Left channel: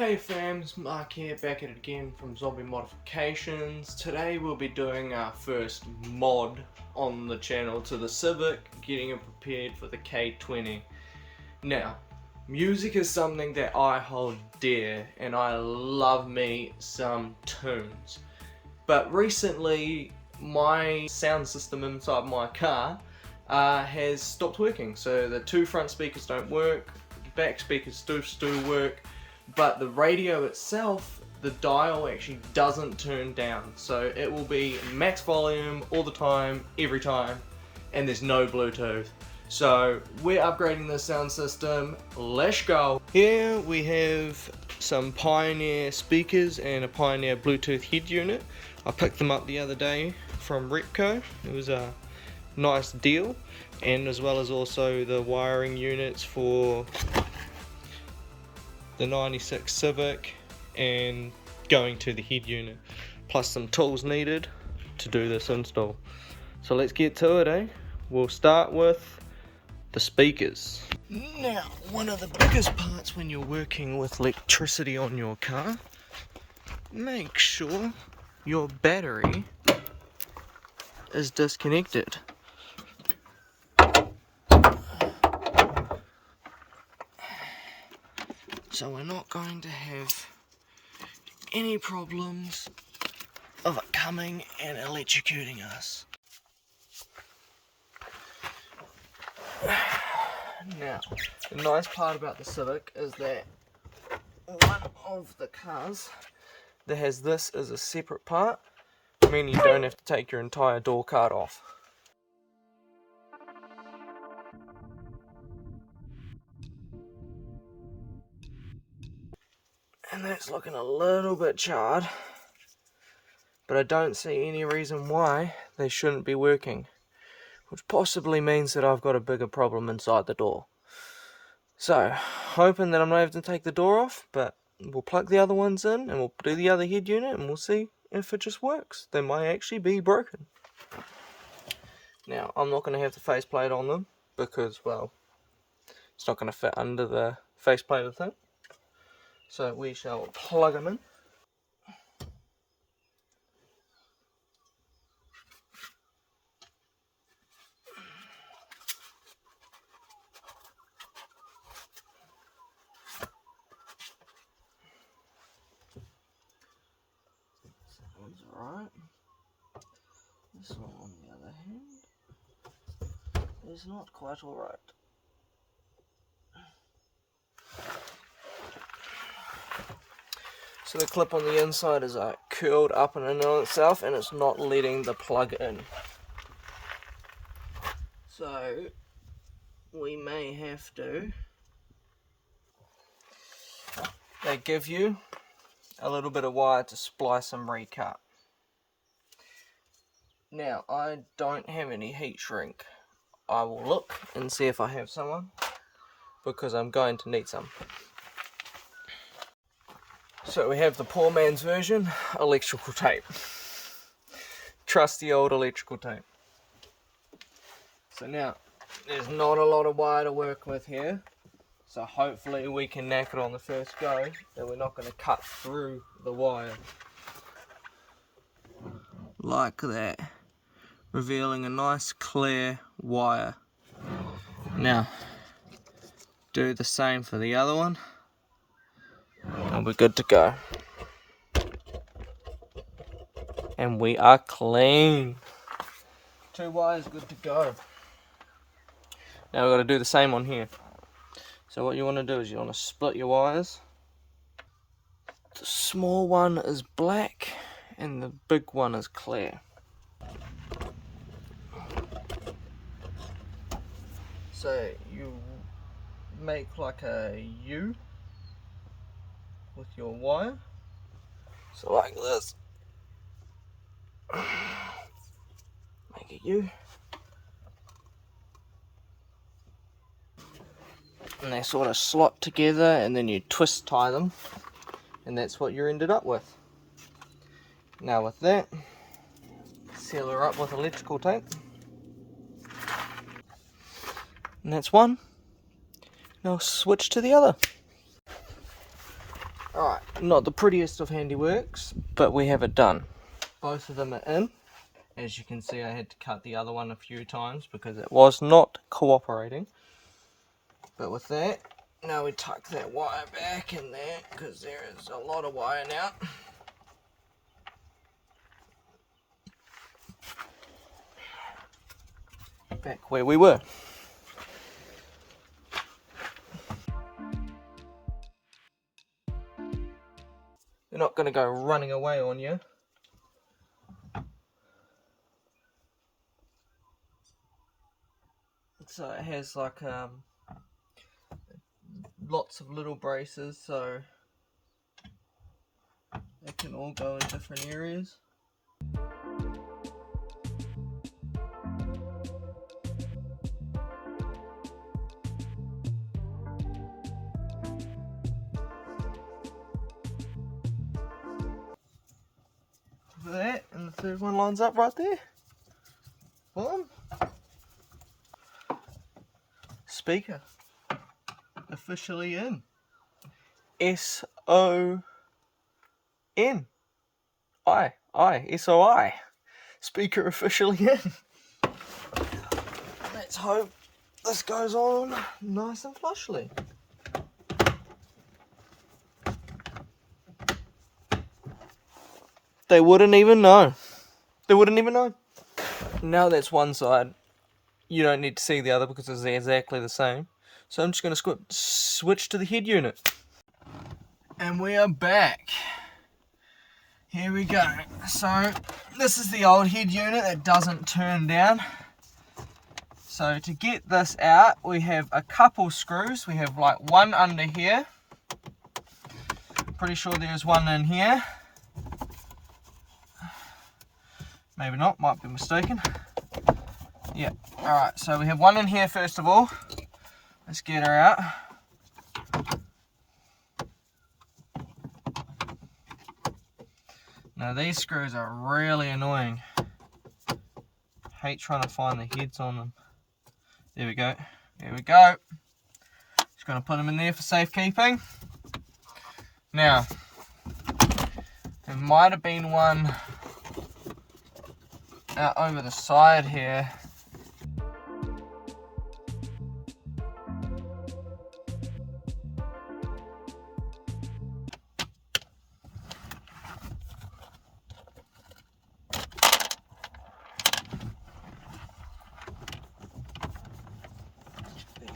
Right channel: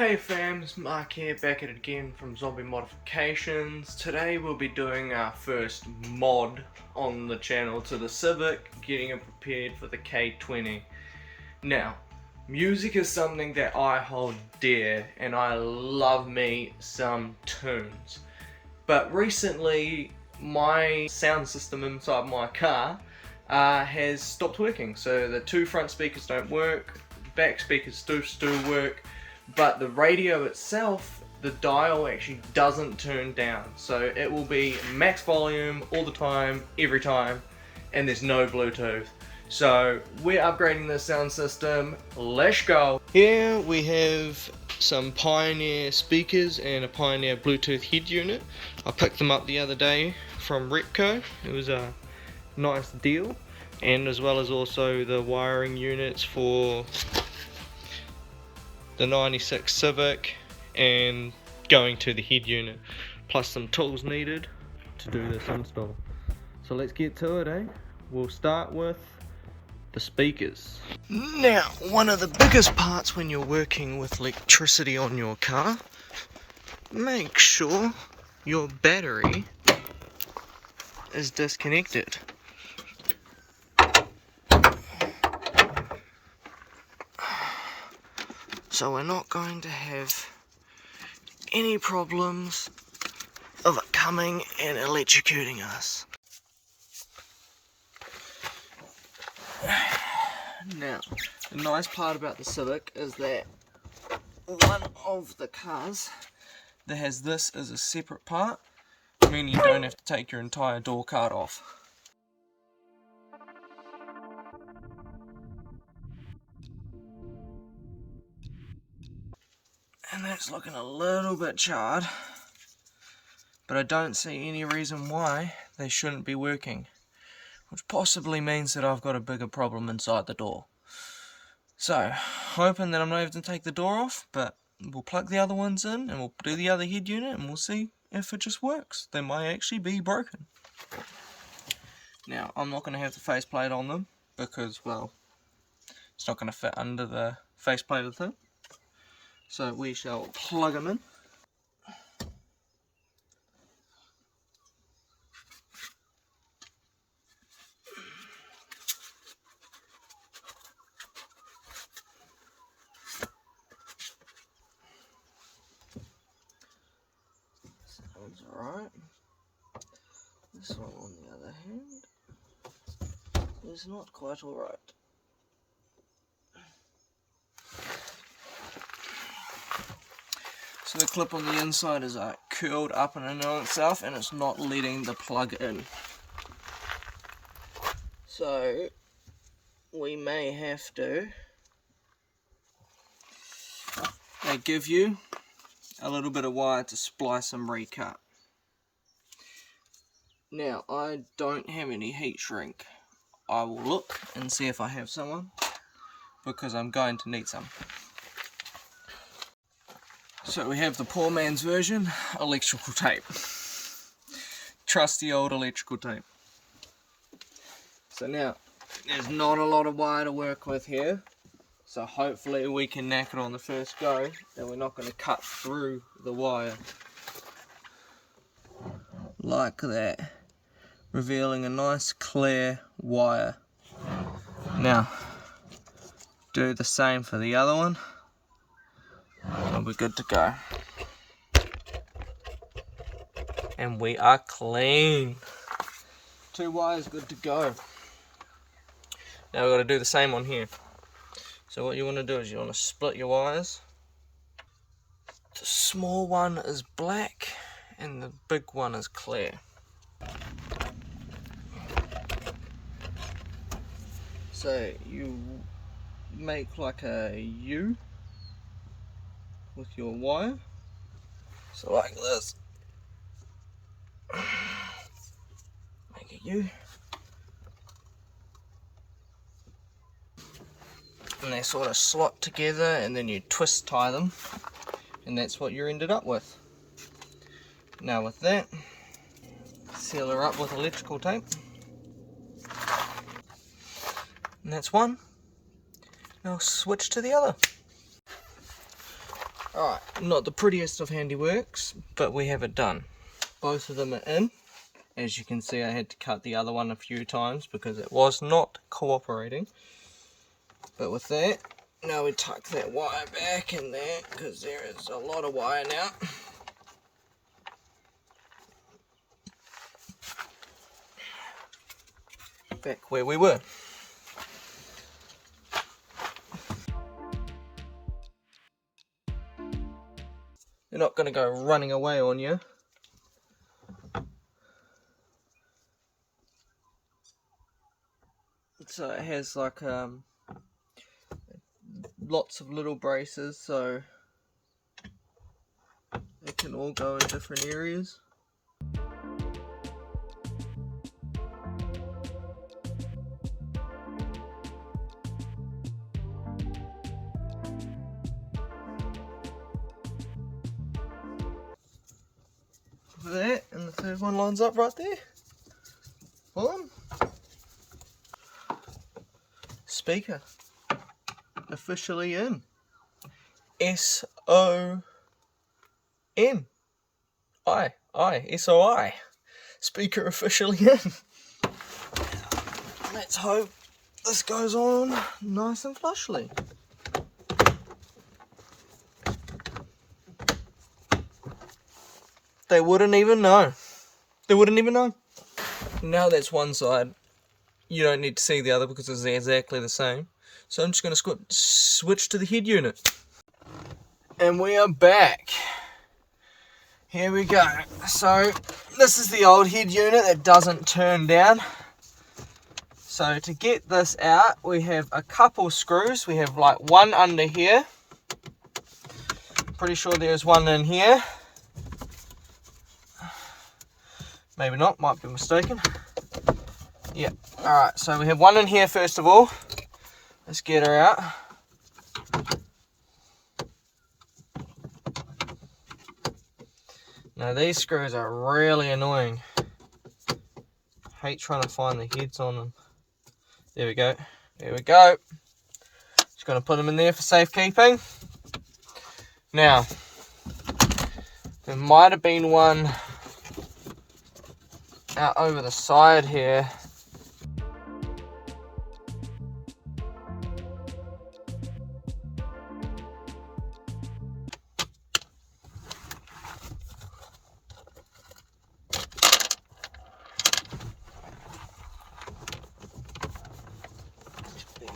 Hey fams, Mark here, back at it again from Zombie Modifications. Today we'll be doing our first mod on the channel to the Civic, getting it prepared for the K20. Now, music is something that I hold dear, and I love me some tunes. But recently, my sound system inside my car has stopped working. So the two front speakers don't work, back speakers still work, but the radio itself, the dial actually doesn't turn down. So it will be max volume all the time, every time, and there's no Bluetooth. So we're upgrading this sound system. Let's go. Here we have some Pioneer speakers and a Pioneer Bluetooth head unit. I picked them up the other day from Repco. It was a nice deal, and as well as also the wiring units for the 96 Civic and going to the head unit, plus some tools needed to do this install. So let's get to it, eh? We'll start with the speakers. Now, one of the biggest parts when you're working with electricity on your car, make sure your battery is disconnected. So we're not going to have any problems of it coming and electrocuting us. Now, the nice part about the Civic is that one of the cars that has this as a separate part, meaning you don't have to take your entire door card off. And that's looking a little bit charred, but I don't see any reason why they shouldn't be working, which possibly means that I've got a bigger problem inside the door. So, hoping that I'm not having to take the door off, but we'll plug the other ones in and we'll do the other head unit and we'll see if it just works. They might actually be broken. Now, I'm not going to have the faceplate on them because, well, it's not going to fit under the faceplate of the thing. So we shall plug them in. Sounds alright. This one, on the other hand, is not quite alright. So the clip on the inside is curled up and in on itself, and it's not letting the plug in. So we may have to. They give you a little bit of wire to splice and recut. Now, I don't have any heat shrink. I will look and see if I have someone, because I'm going to need some. So we have the poor man's version, electrical tape. Trusty old electrical tape. So now, there's not a lot of wire to work with here, so hopefully we can knack it on the first go, and we're not going to cut through the wire. Like that. Revealing a nice clear wire. Now, do the same for the other one, and we're good to go. And we are clean. 2 wires good to go. Now we've got to do the same on here. So what you want to do is you want to split your wires. The small one is black and the big one is clear. So you make like a U with your wire. So like this. Make a U. And they sort of slot together, and then you twist tie them, and that's what you ended up with. Now with that, seal her up with electrical tape, and that's one. Now switch to the other. Alright, not the prettiest of handiworks, but we have it done. Both of them are in. As you can see, I had to cut the other one a few times because it was not cooperating. But with that, now we tuck that wire back in there because there is a lot of wire now. Back where we were. They're not going to go running away on you. So it has like lots of little braces, so they can all go in different areas. For that, and the third one lines up right there. Boom. Speaker officially in. S-O-N. S-O-I. Speaker officially in. Let's hope this goes on nice and flushly. They wouldn't even know. They wouldn't even know. Now that's one side. You don't need to see the other because it's exactly the same. So I'm just going to switch to the head unit. And we are back. Here we go. So this is the old head unit that doesn't turn down. So to get this out, we have a couple screws. We have like one under here. Pretty sure there's one in here. Maybe not, might be mistaken. Yeah, alright, so we have one in here first of all. Let's get her out. Now these screws are really annoying. Hate trying to find the heads on them. There we go, there we go. Just going to put them in there for safekeeping. Now, there might have been one out over the side here.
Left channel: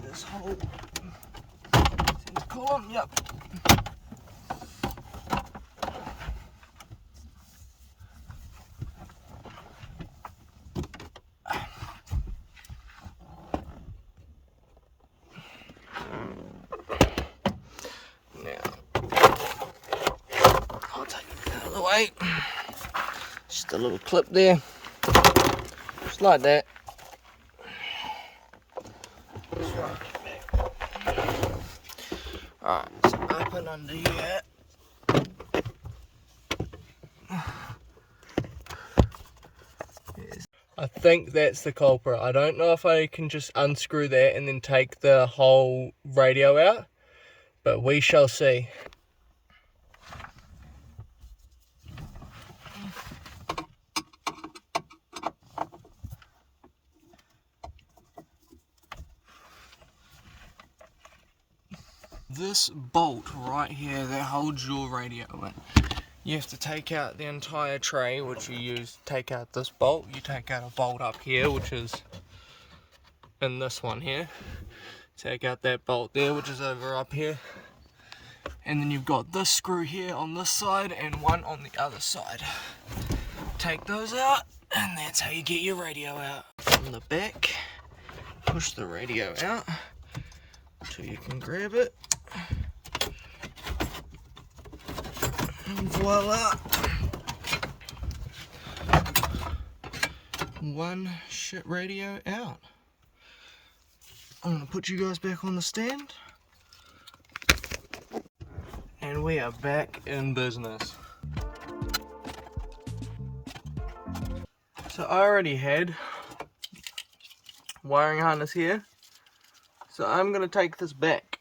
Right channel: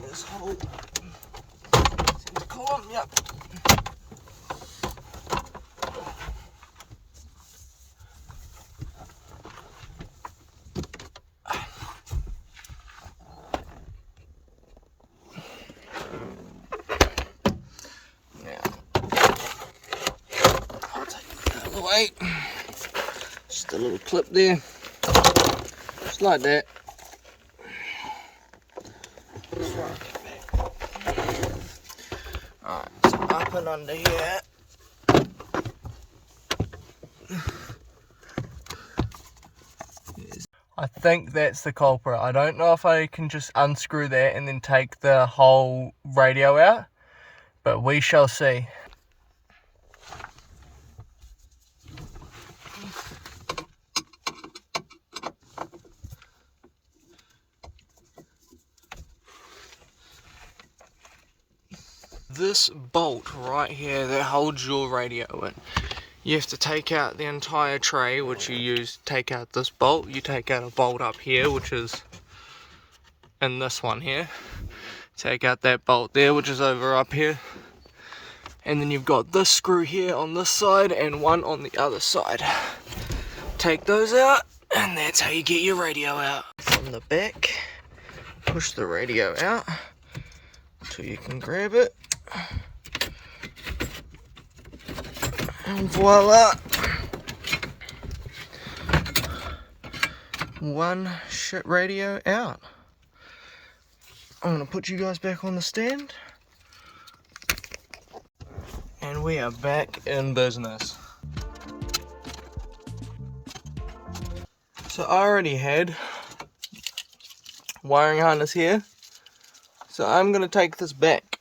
This hole. See the column? Yep. Way. Just a little clip there, just like that. Alright, so up and under here. I think that's the culprit. I don't know if I can just unscrew that and then take the whole radio out, but we shall see. This bolt right here that holds your radio in, you have to take out the entire tray, which you use to take out this bolt. You take out a bolt up here, which is in this one here. Take out that bolt there, which is over up here. And then you've got this screw here on this side and one on the other side. Take those out, and that's how you get your radio out. From the back, push the radio out until you can grab it. And voila! One shit radio out. I'm gonna put you guys back on the stand. And we are back in business. So I already had wiring harness here. So I'm gonna take this back.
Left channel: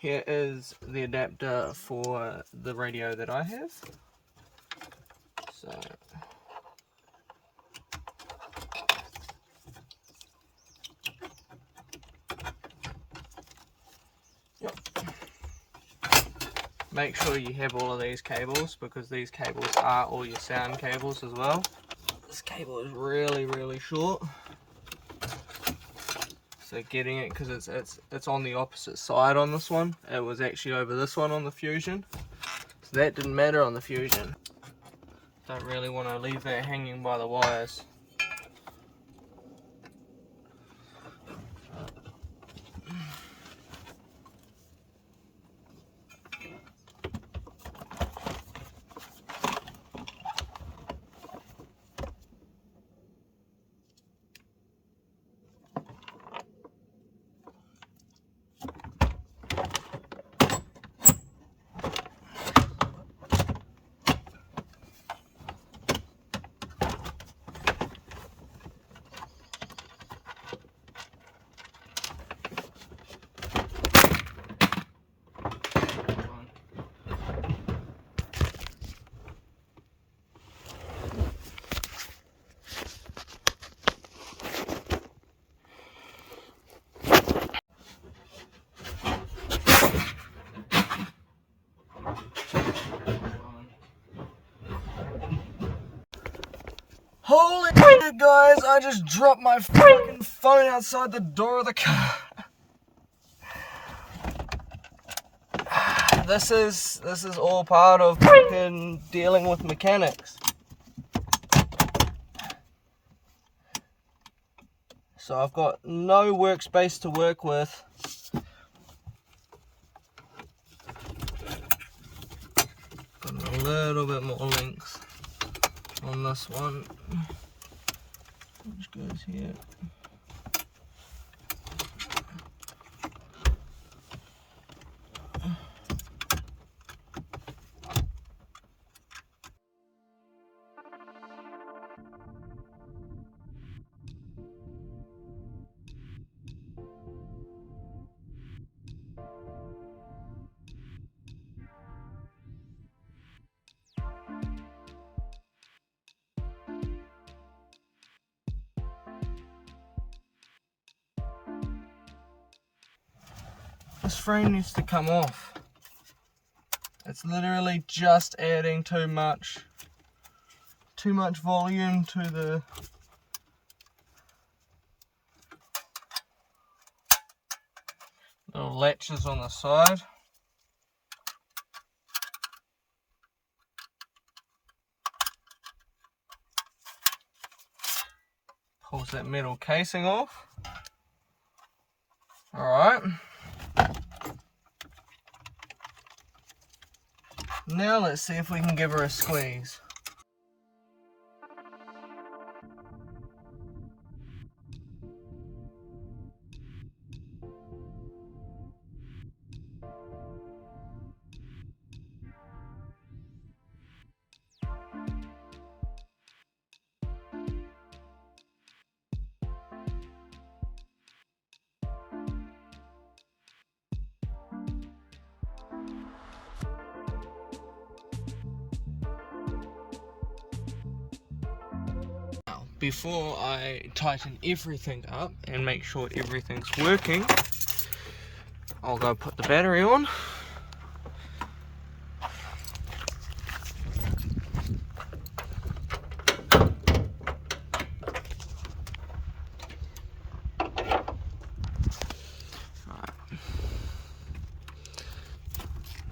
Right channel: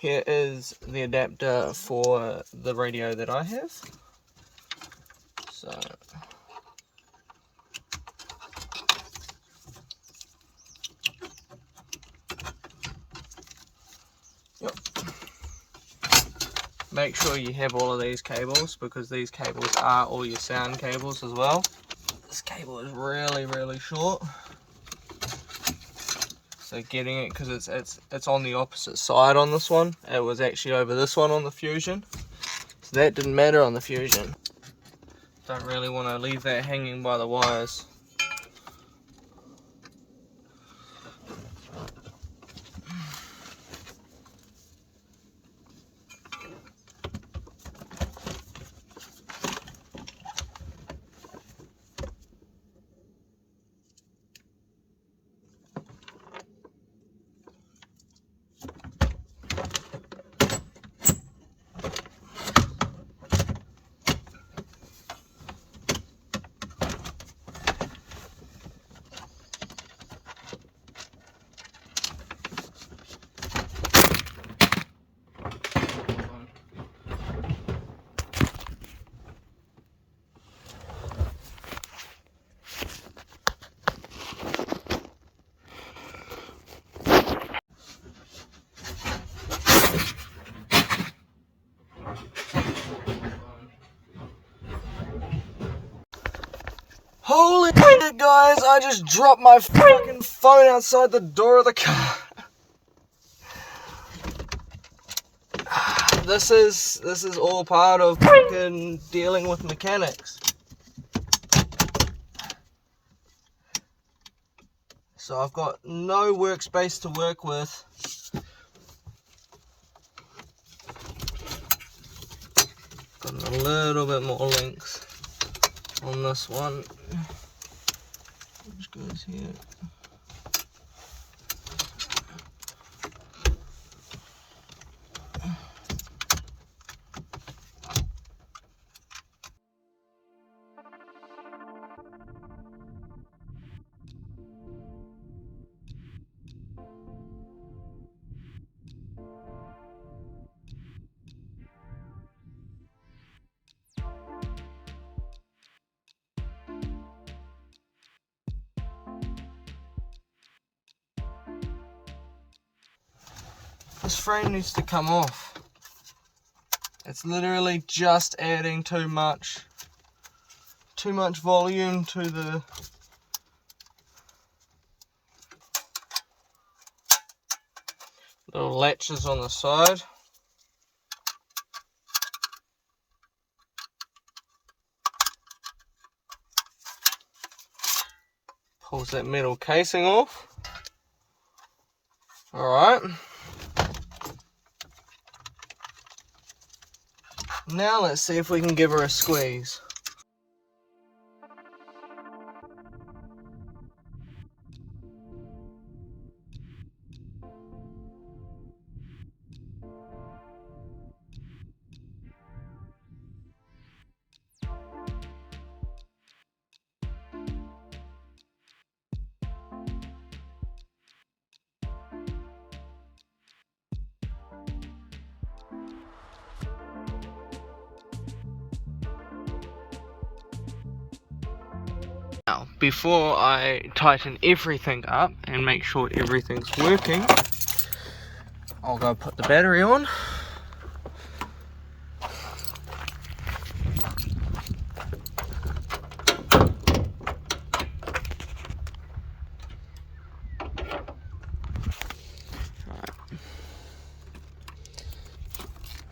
Here is the adapter for the radio that I have. So yep. Make sure you have all of these cables, because these cables are all your sound cables as well. This cable is really short, so getting it, because it's on the opposite side on this one. It was actually over this one on the Fusion, so that didn't matter on the Fusion. Don't really want to leave that hanging by the wires. Holy shit, guys, I just dropped my fucking phone outside the door of the car. This is all part of fucking dealing with mechanics. So I've got no workspace to work with. Got a little bit more length on this one, which goes here. This frame needs to come off. It's literally just adding too much volume to the little latches on the side. Pulls that metal casing off. Alright. Now let's see if we can give her a squeeze. Now, before I tighten everything up and make sure everything's working, I'll go put the battery on. Right.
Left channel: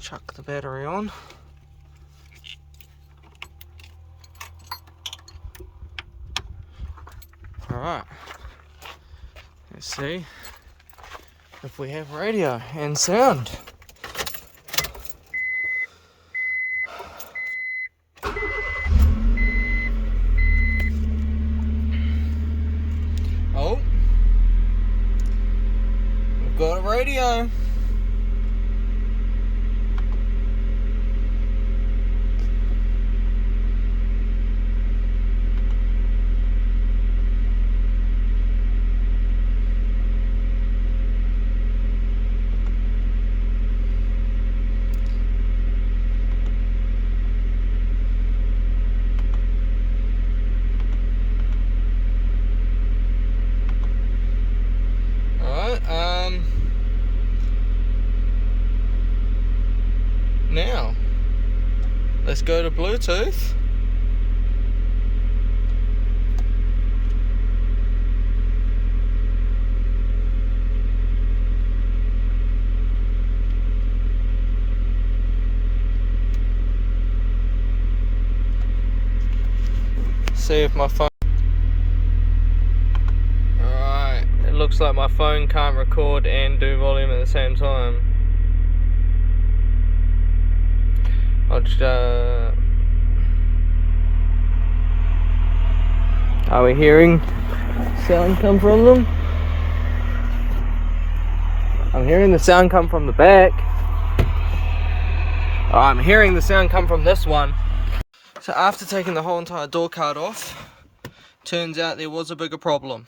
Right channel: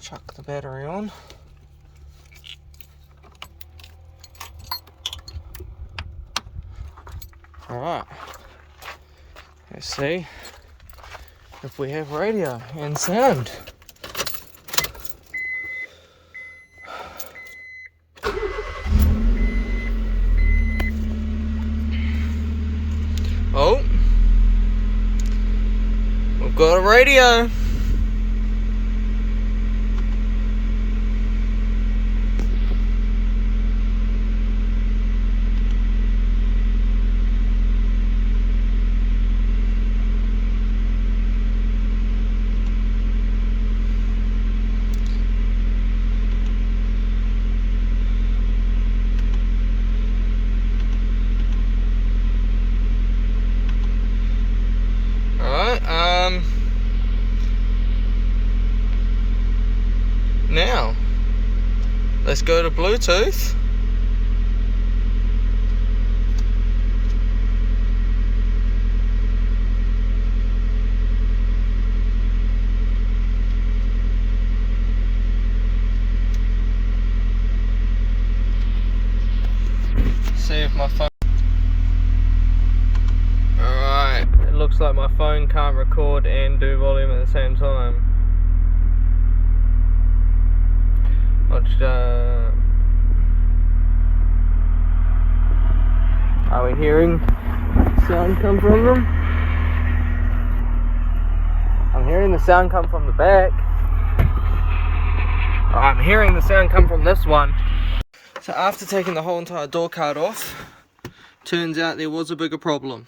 Chuck the battery on. Alright, let's see if we have radio and sound. Oh, we've got a radio. let's go to Bluetooth. See if my phone... Alright, it looks like my phone can't record and do volume at the same time. I'll just are we hearing sound come from them? I'm hearing the sound come from the back. I'm hearing the sound come from this one. So after taking the whole entire door card off, turns out there was a bigger problem.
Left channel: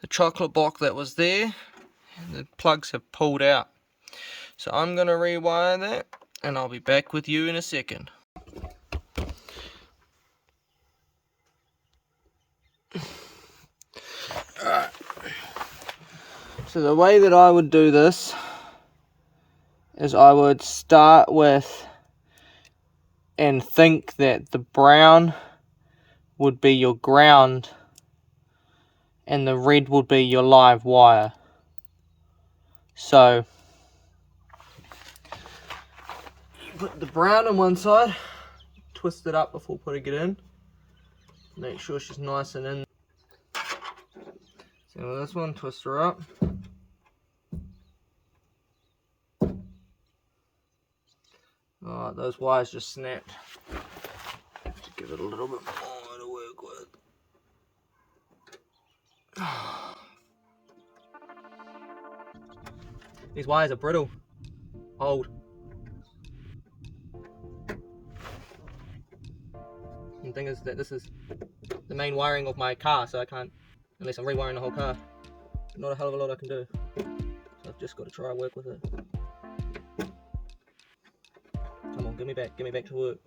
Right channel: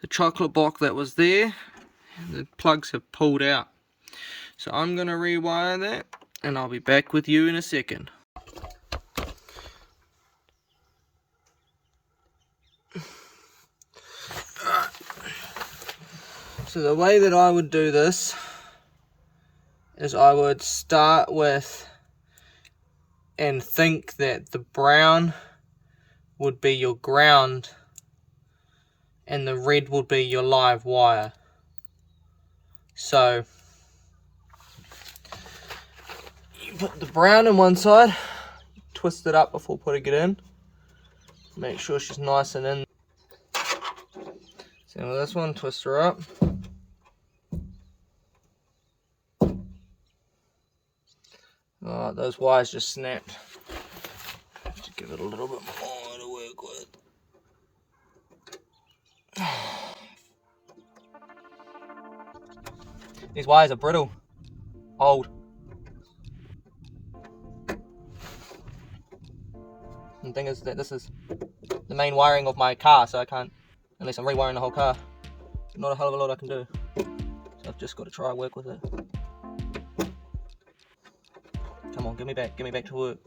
The chocolate block that was there, the plugs have pulled out. So I'm going to rewire that, and I'll be back with you in a second. Alright. So the way that I would do this is I would start with and think that the brown would be your ground and the red would be your live wire. So you put the brown on one side, twist it up before putting it in, make sure she's nice and in. Same with this one, twist her up. Oh, those wires just snapped. Have to give it a little bit more to work with. These wires are brittle. Old. And the thing is that this is the main wiring of my car, so I can't, unless I'm rewiring the whole car. Not a hell of a lot I can do. So I've just got to try and work with it. Come on, give me back to work.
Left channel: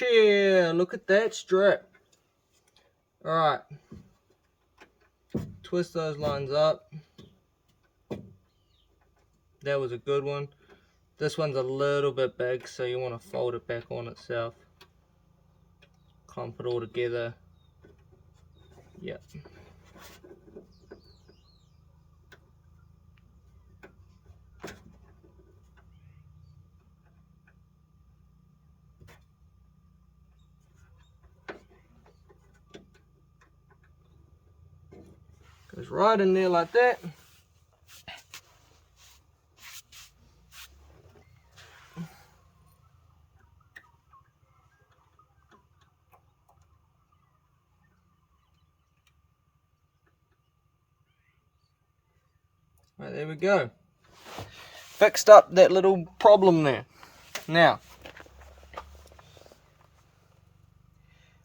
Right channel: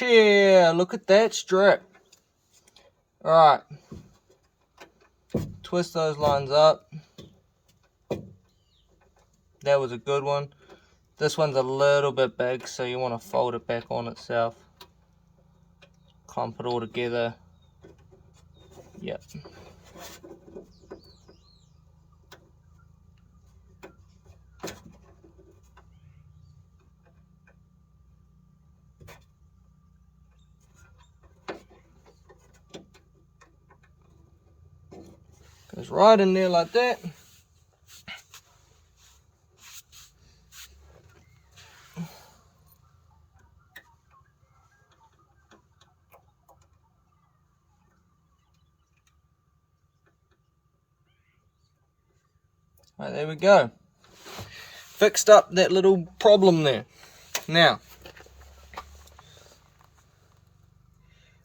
Yeah, look at that strip. Alright. Twist those lines up. That was a good one. This one's a little bit big, so you want to fold it back on itself. Clump it all together. Yep. Goes right in there like that. Right, there we go. Fixed up that little problem there. Now,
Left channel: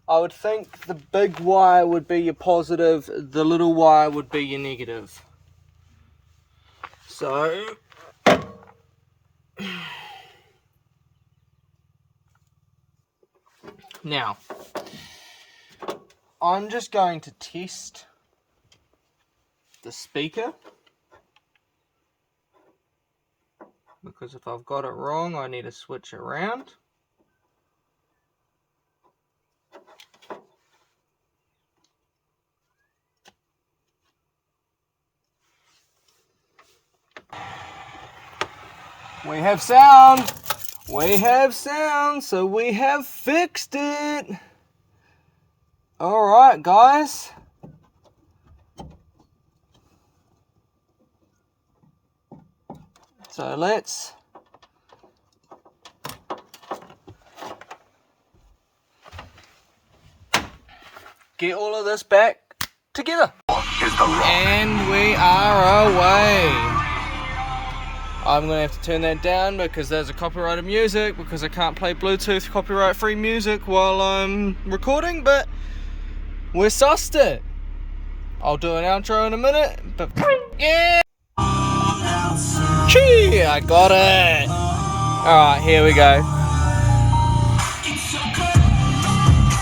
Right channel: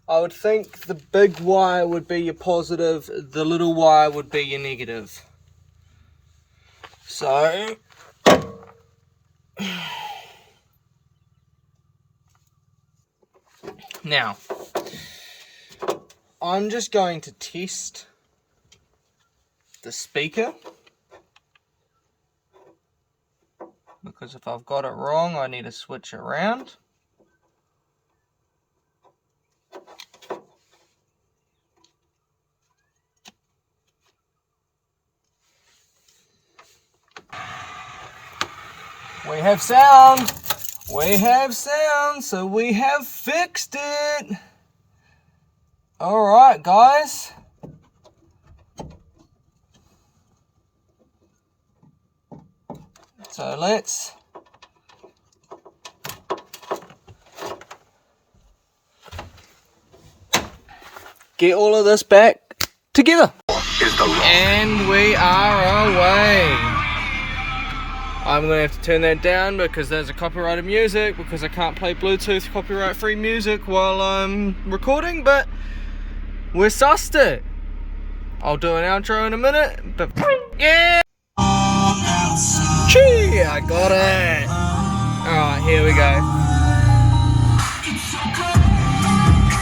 I would think the big wire would be your positive, the little wire would be your negative. So, now, I'm just going to test the speaker. Because if I've got it wrong, I need to switch around. We have sound! We have sound, so we have fixed it! Alright, guys. So let's get all of this back together. And we are away. I'm going to have to turn that down because there's a copyrighted music, because I can't play Bluetooth copyright free music while I'm recording, but we're sussed it. I'll do an outro in a minute, but yeah! Gee, I got it! Alright, here we go.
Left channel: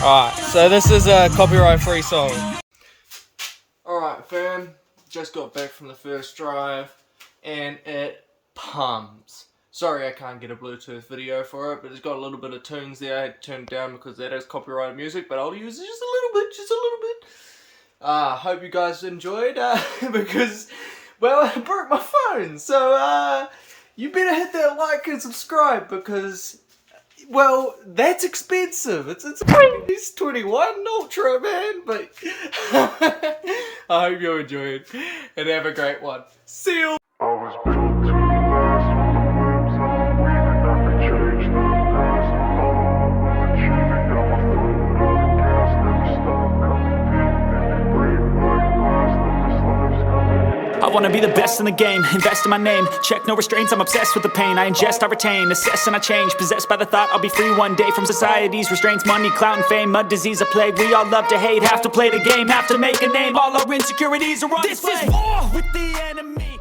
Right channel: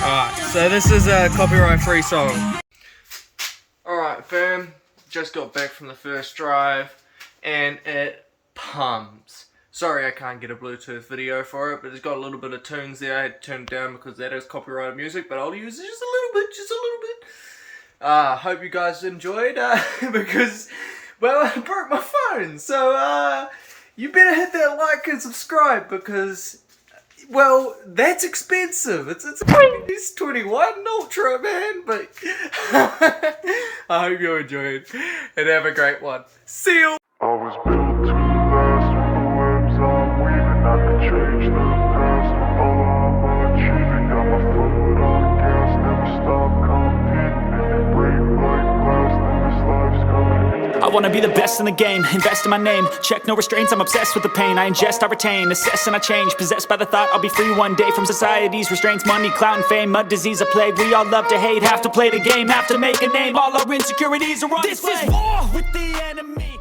Alright, so this is a copyright free song. Alright fam, just got back from the first drive and it Pums. Sorry I can't get a Bluetooth video for it, but it's got a little bit of tunes there. I had to turn it down because that is copyrighted music, but I'll use it just a little bit. Hope you guys enjoyed, because, well, I broke my phone, so, you better hit that like and subscribe, because, well, that's expensive. It's a 21 Ultra, man, but I hope you enjoyed, and have a great one. See you! I was built to last with the webs I'm weaving. I could change the past with all I'm achieving. Got my foot on the gas, never stop competing. If you break my glass, then this life's gonna end. I wanna be the best in the game, invest in my name. Check no restraints, I'm obsessed with the pain. I ingest, I retain, assess and I change. Possessed by the thought I'll be free one day from society's restraints. Money, clout and fame, mud, disease, a plague. We all love to hate, have to play the game, have to make a name. All our insecurities are on display. This is war with the enemy.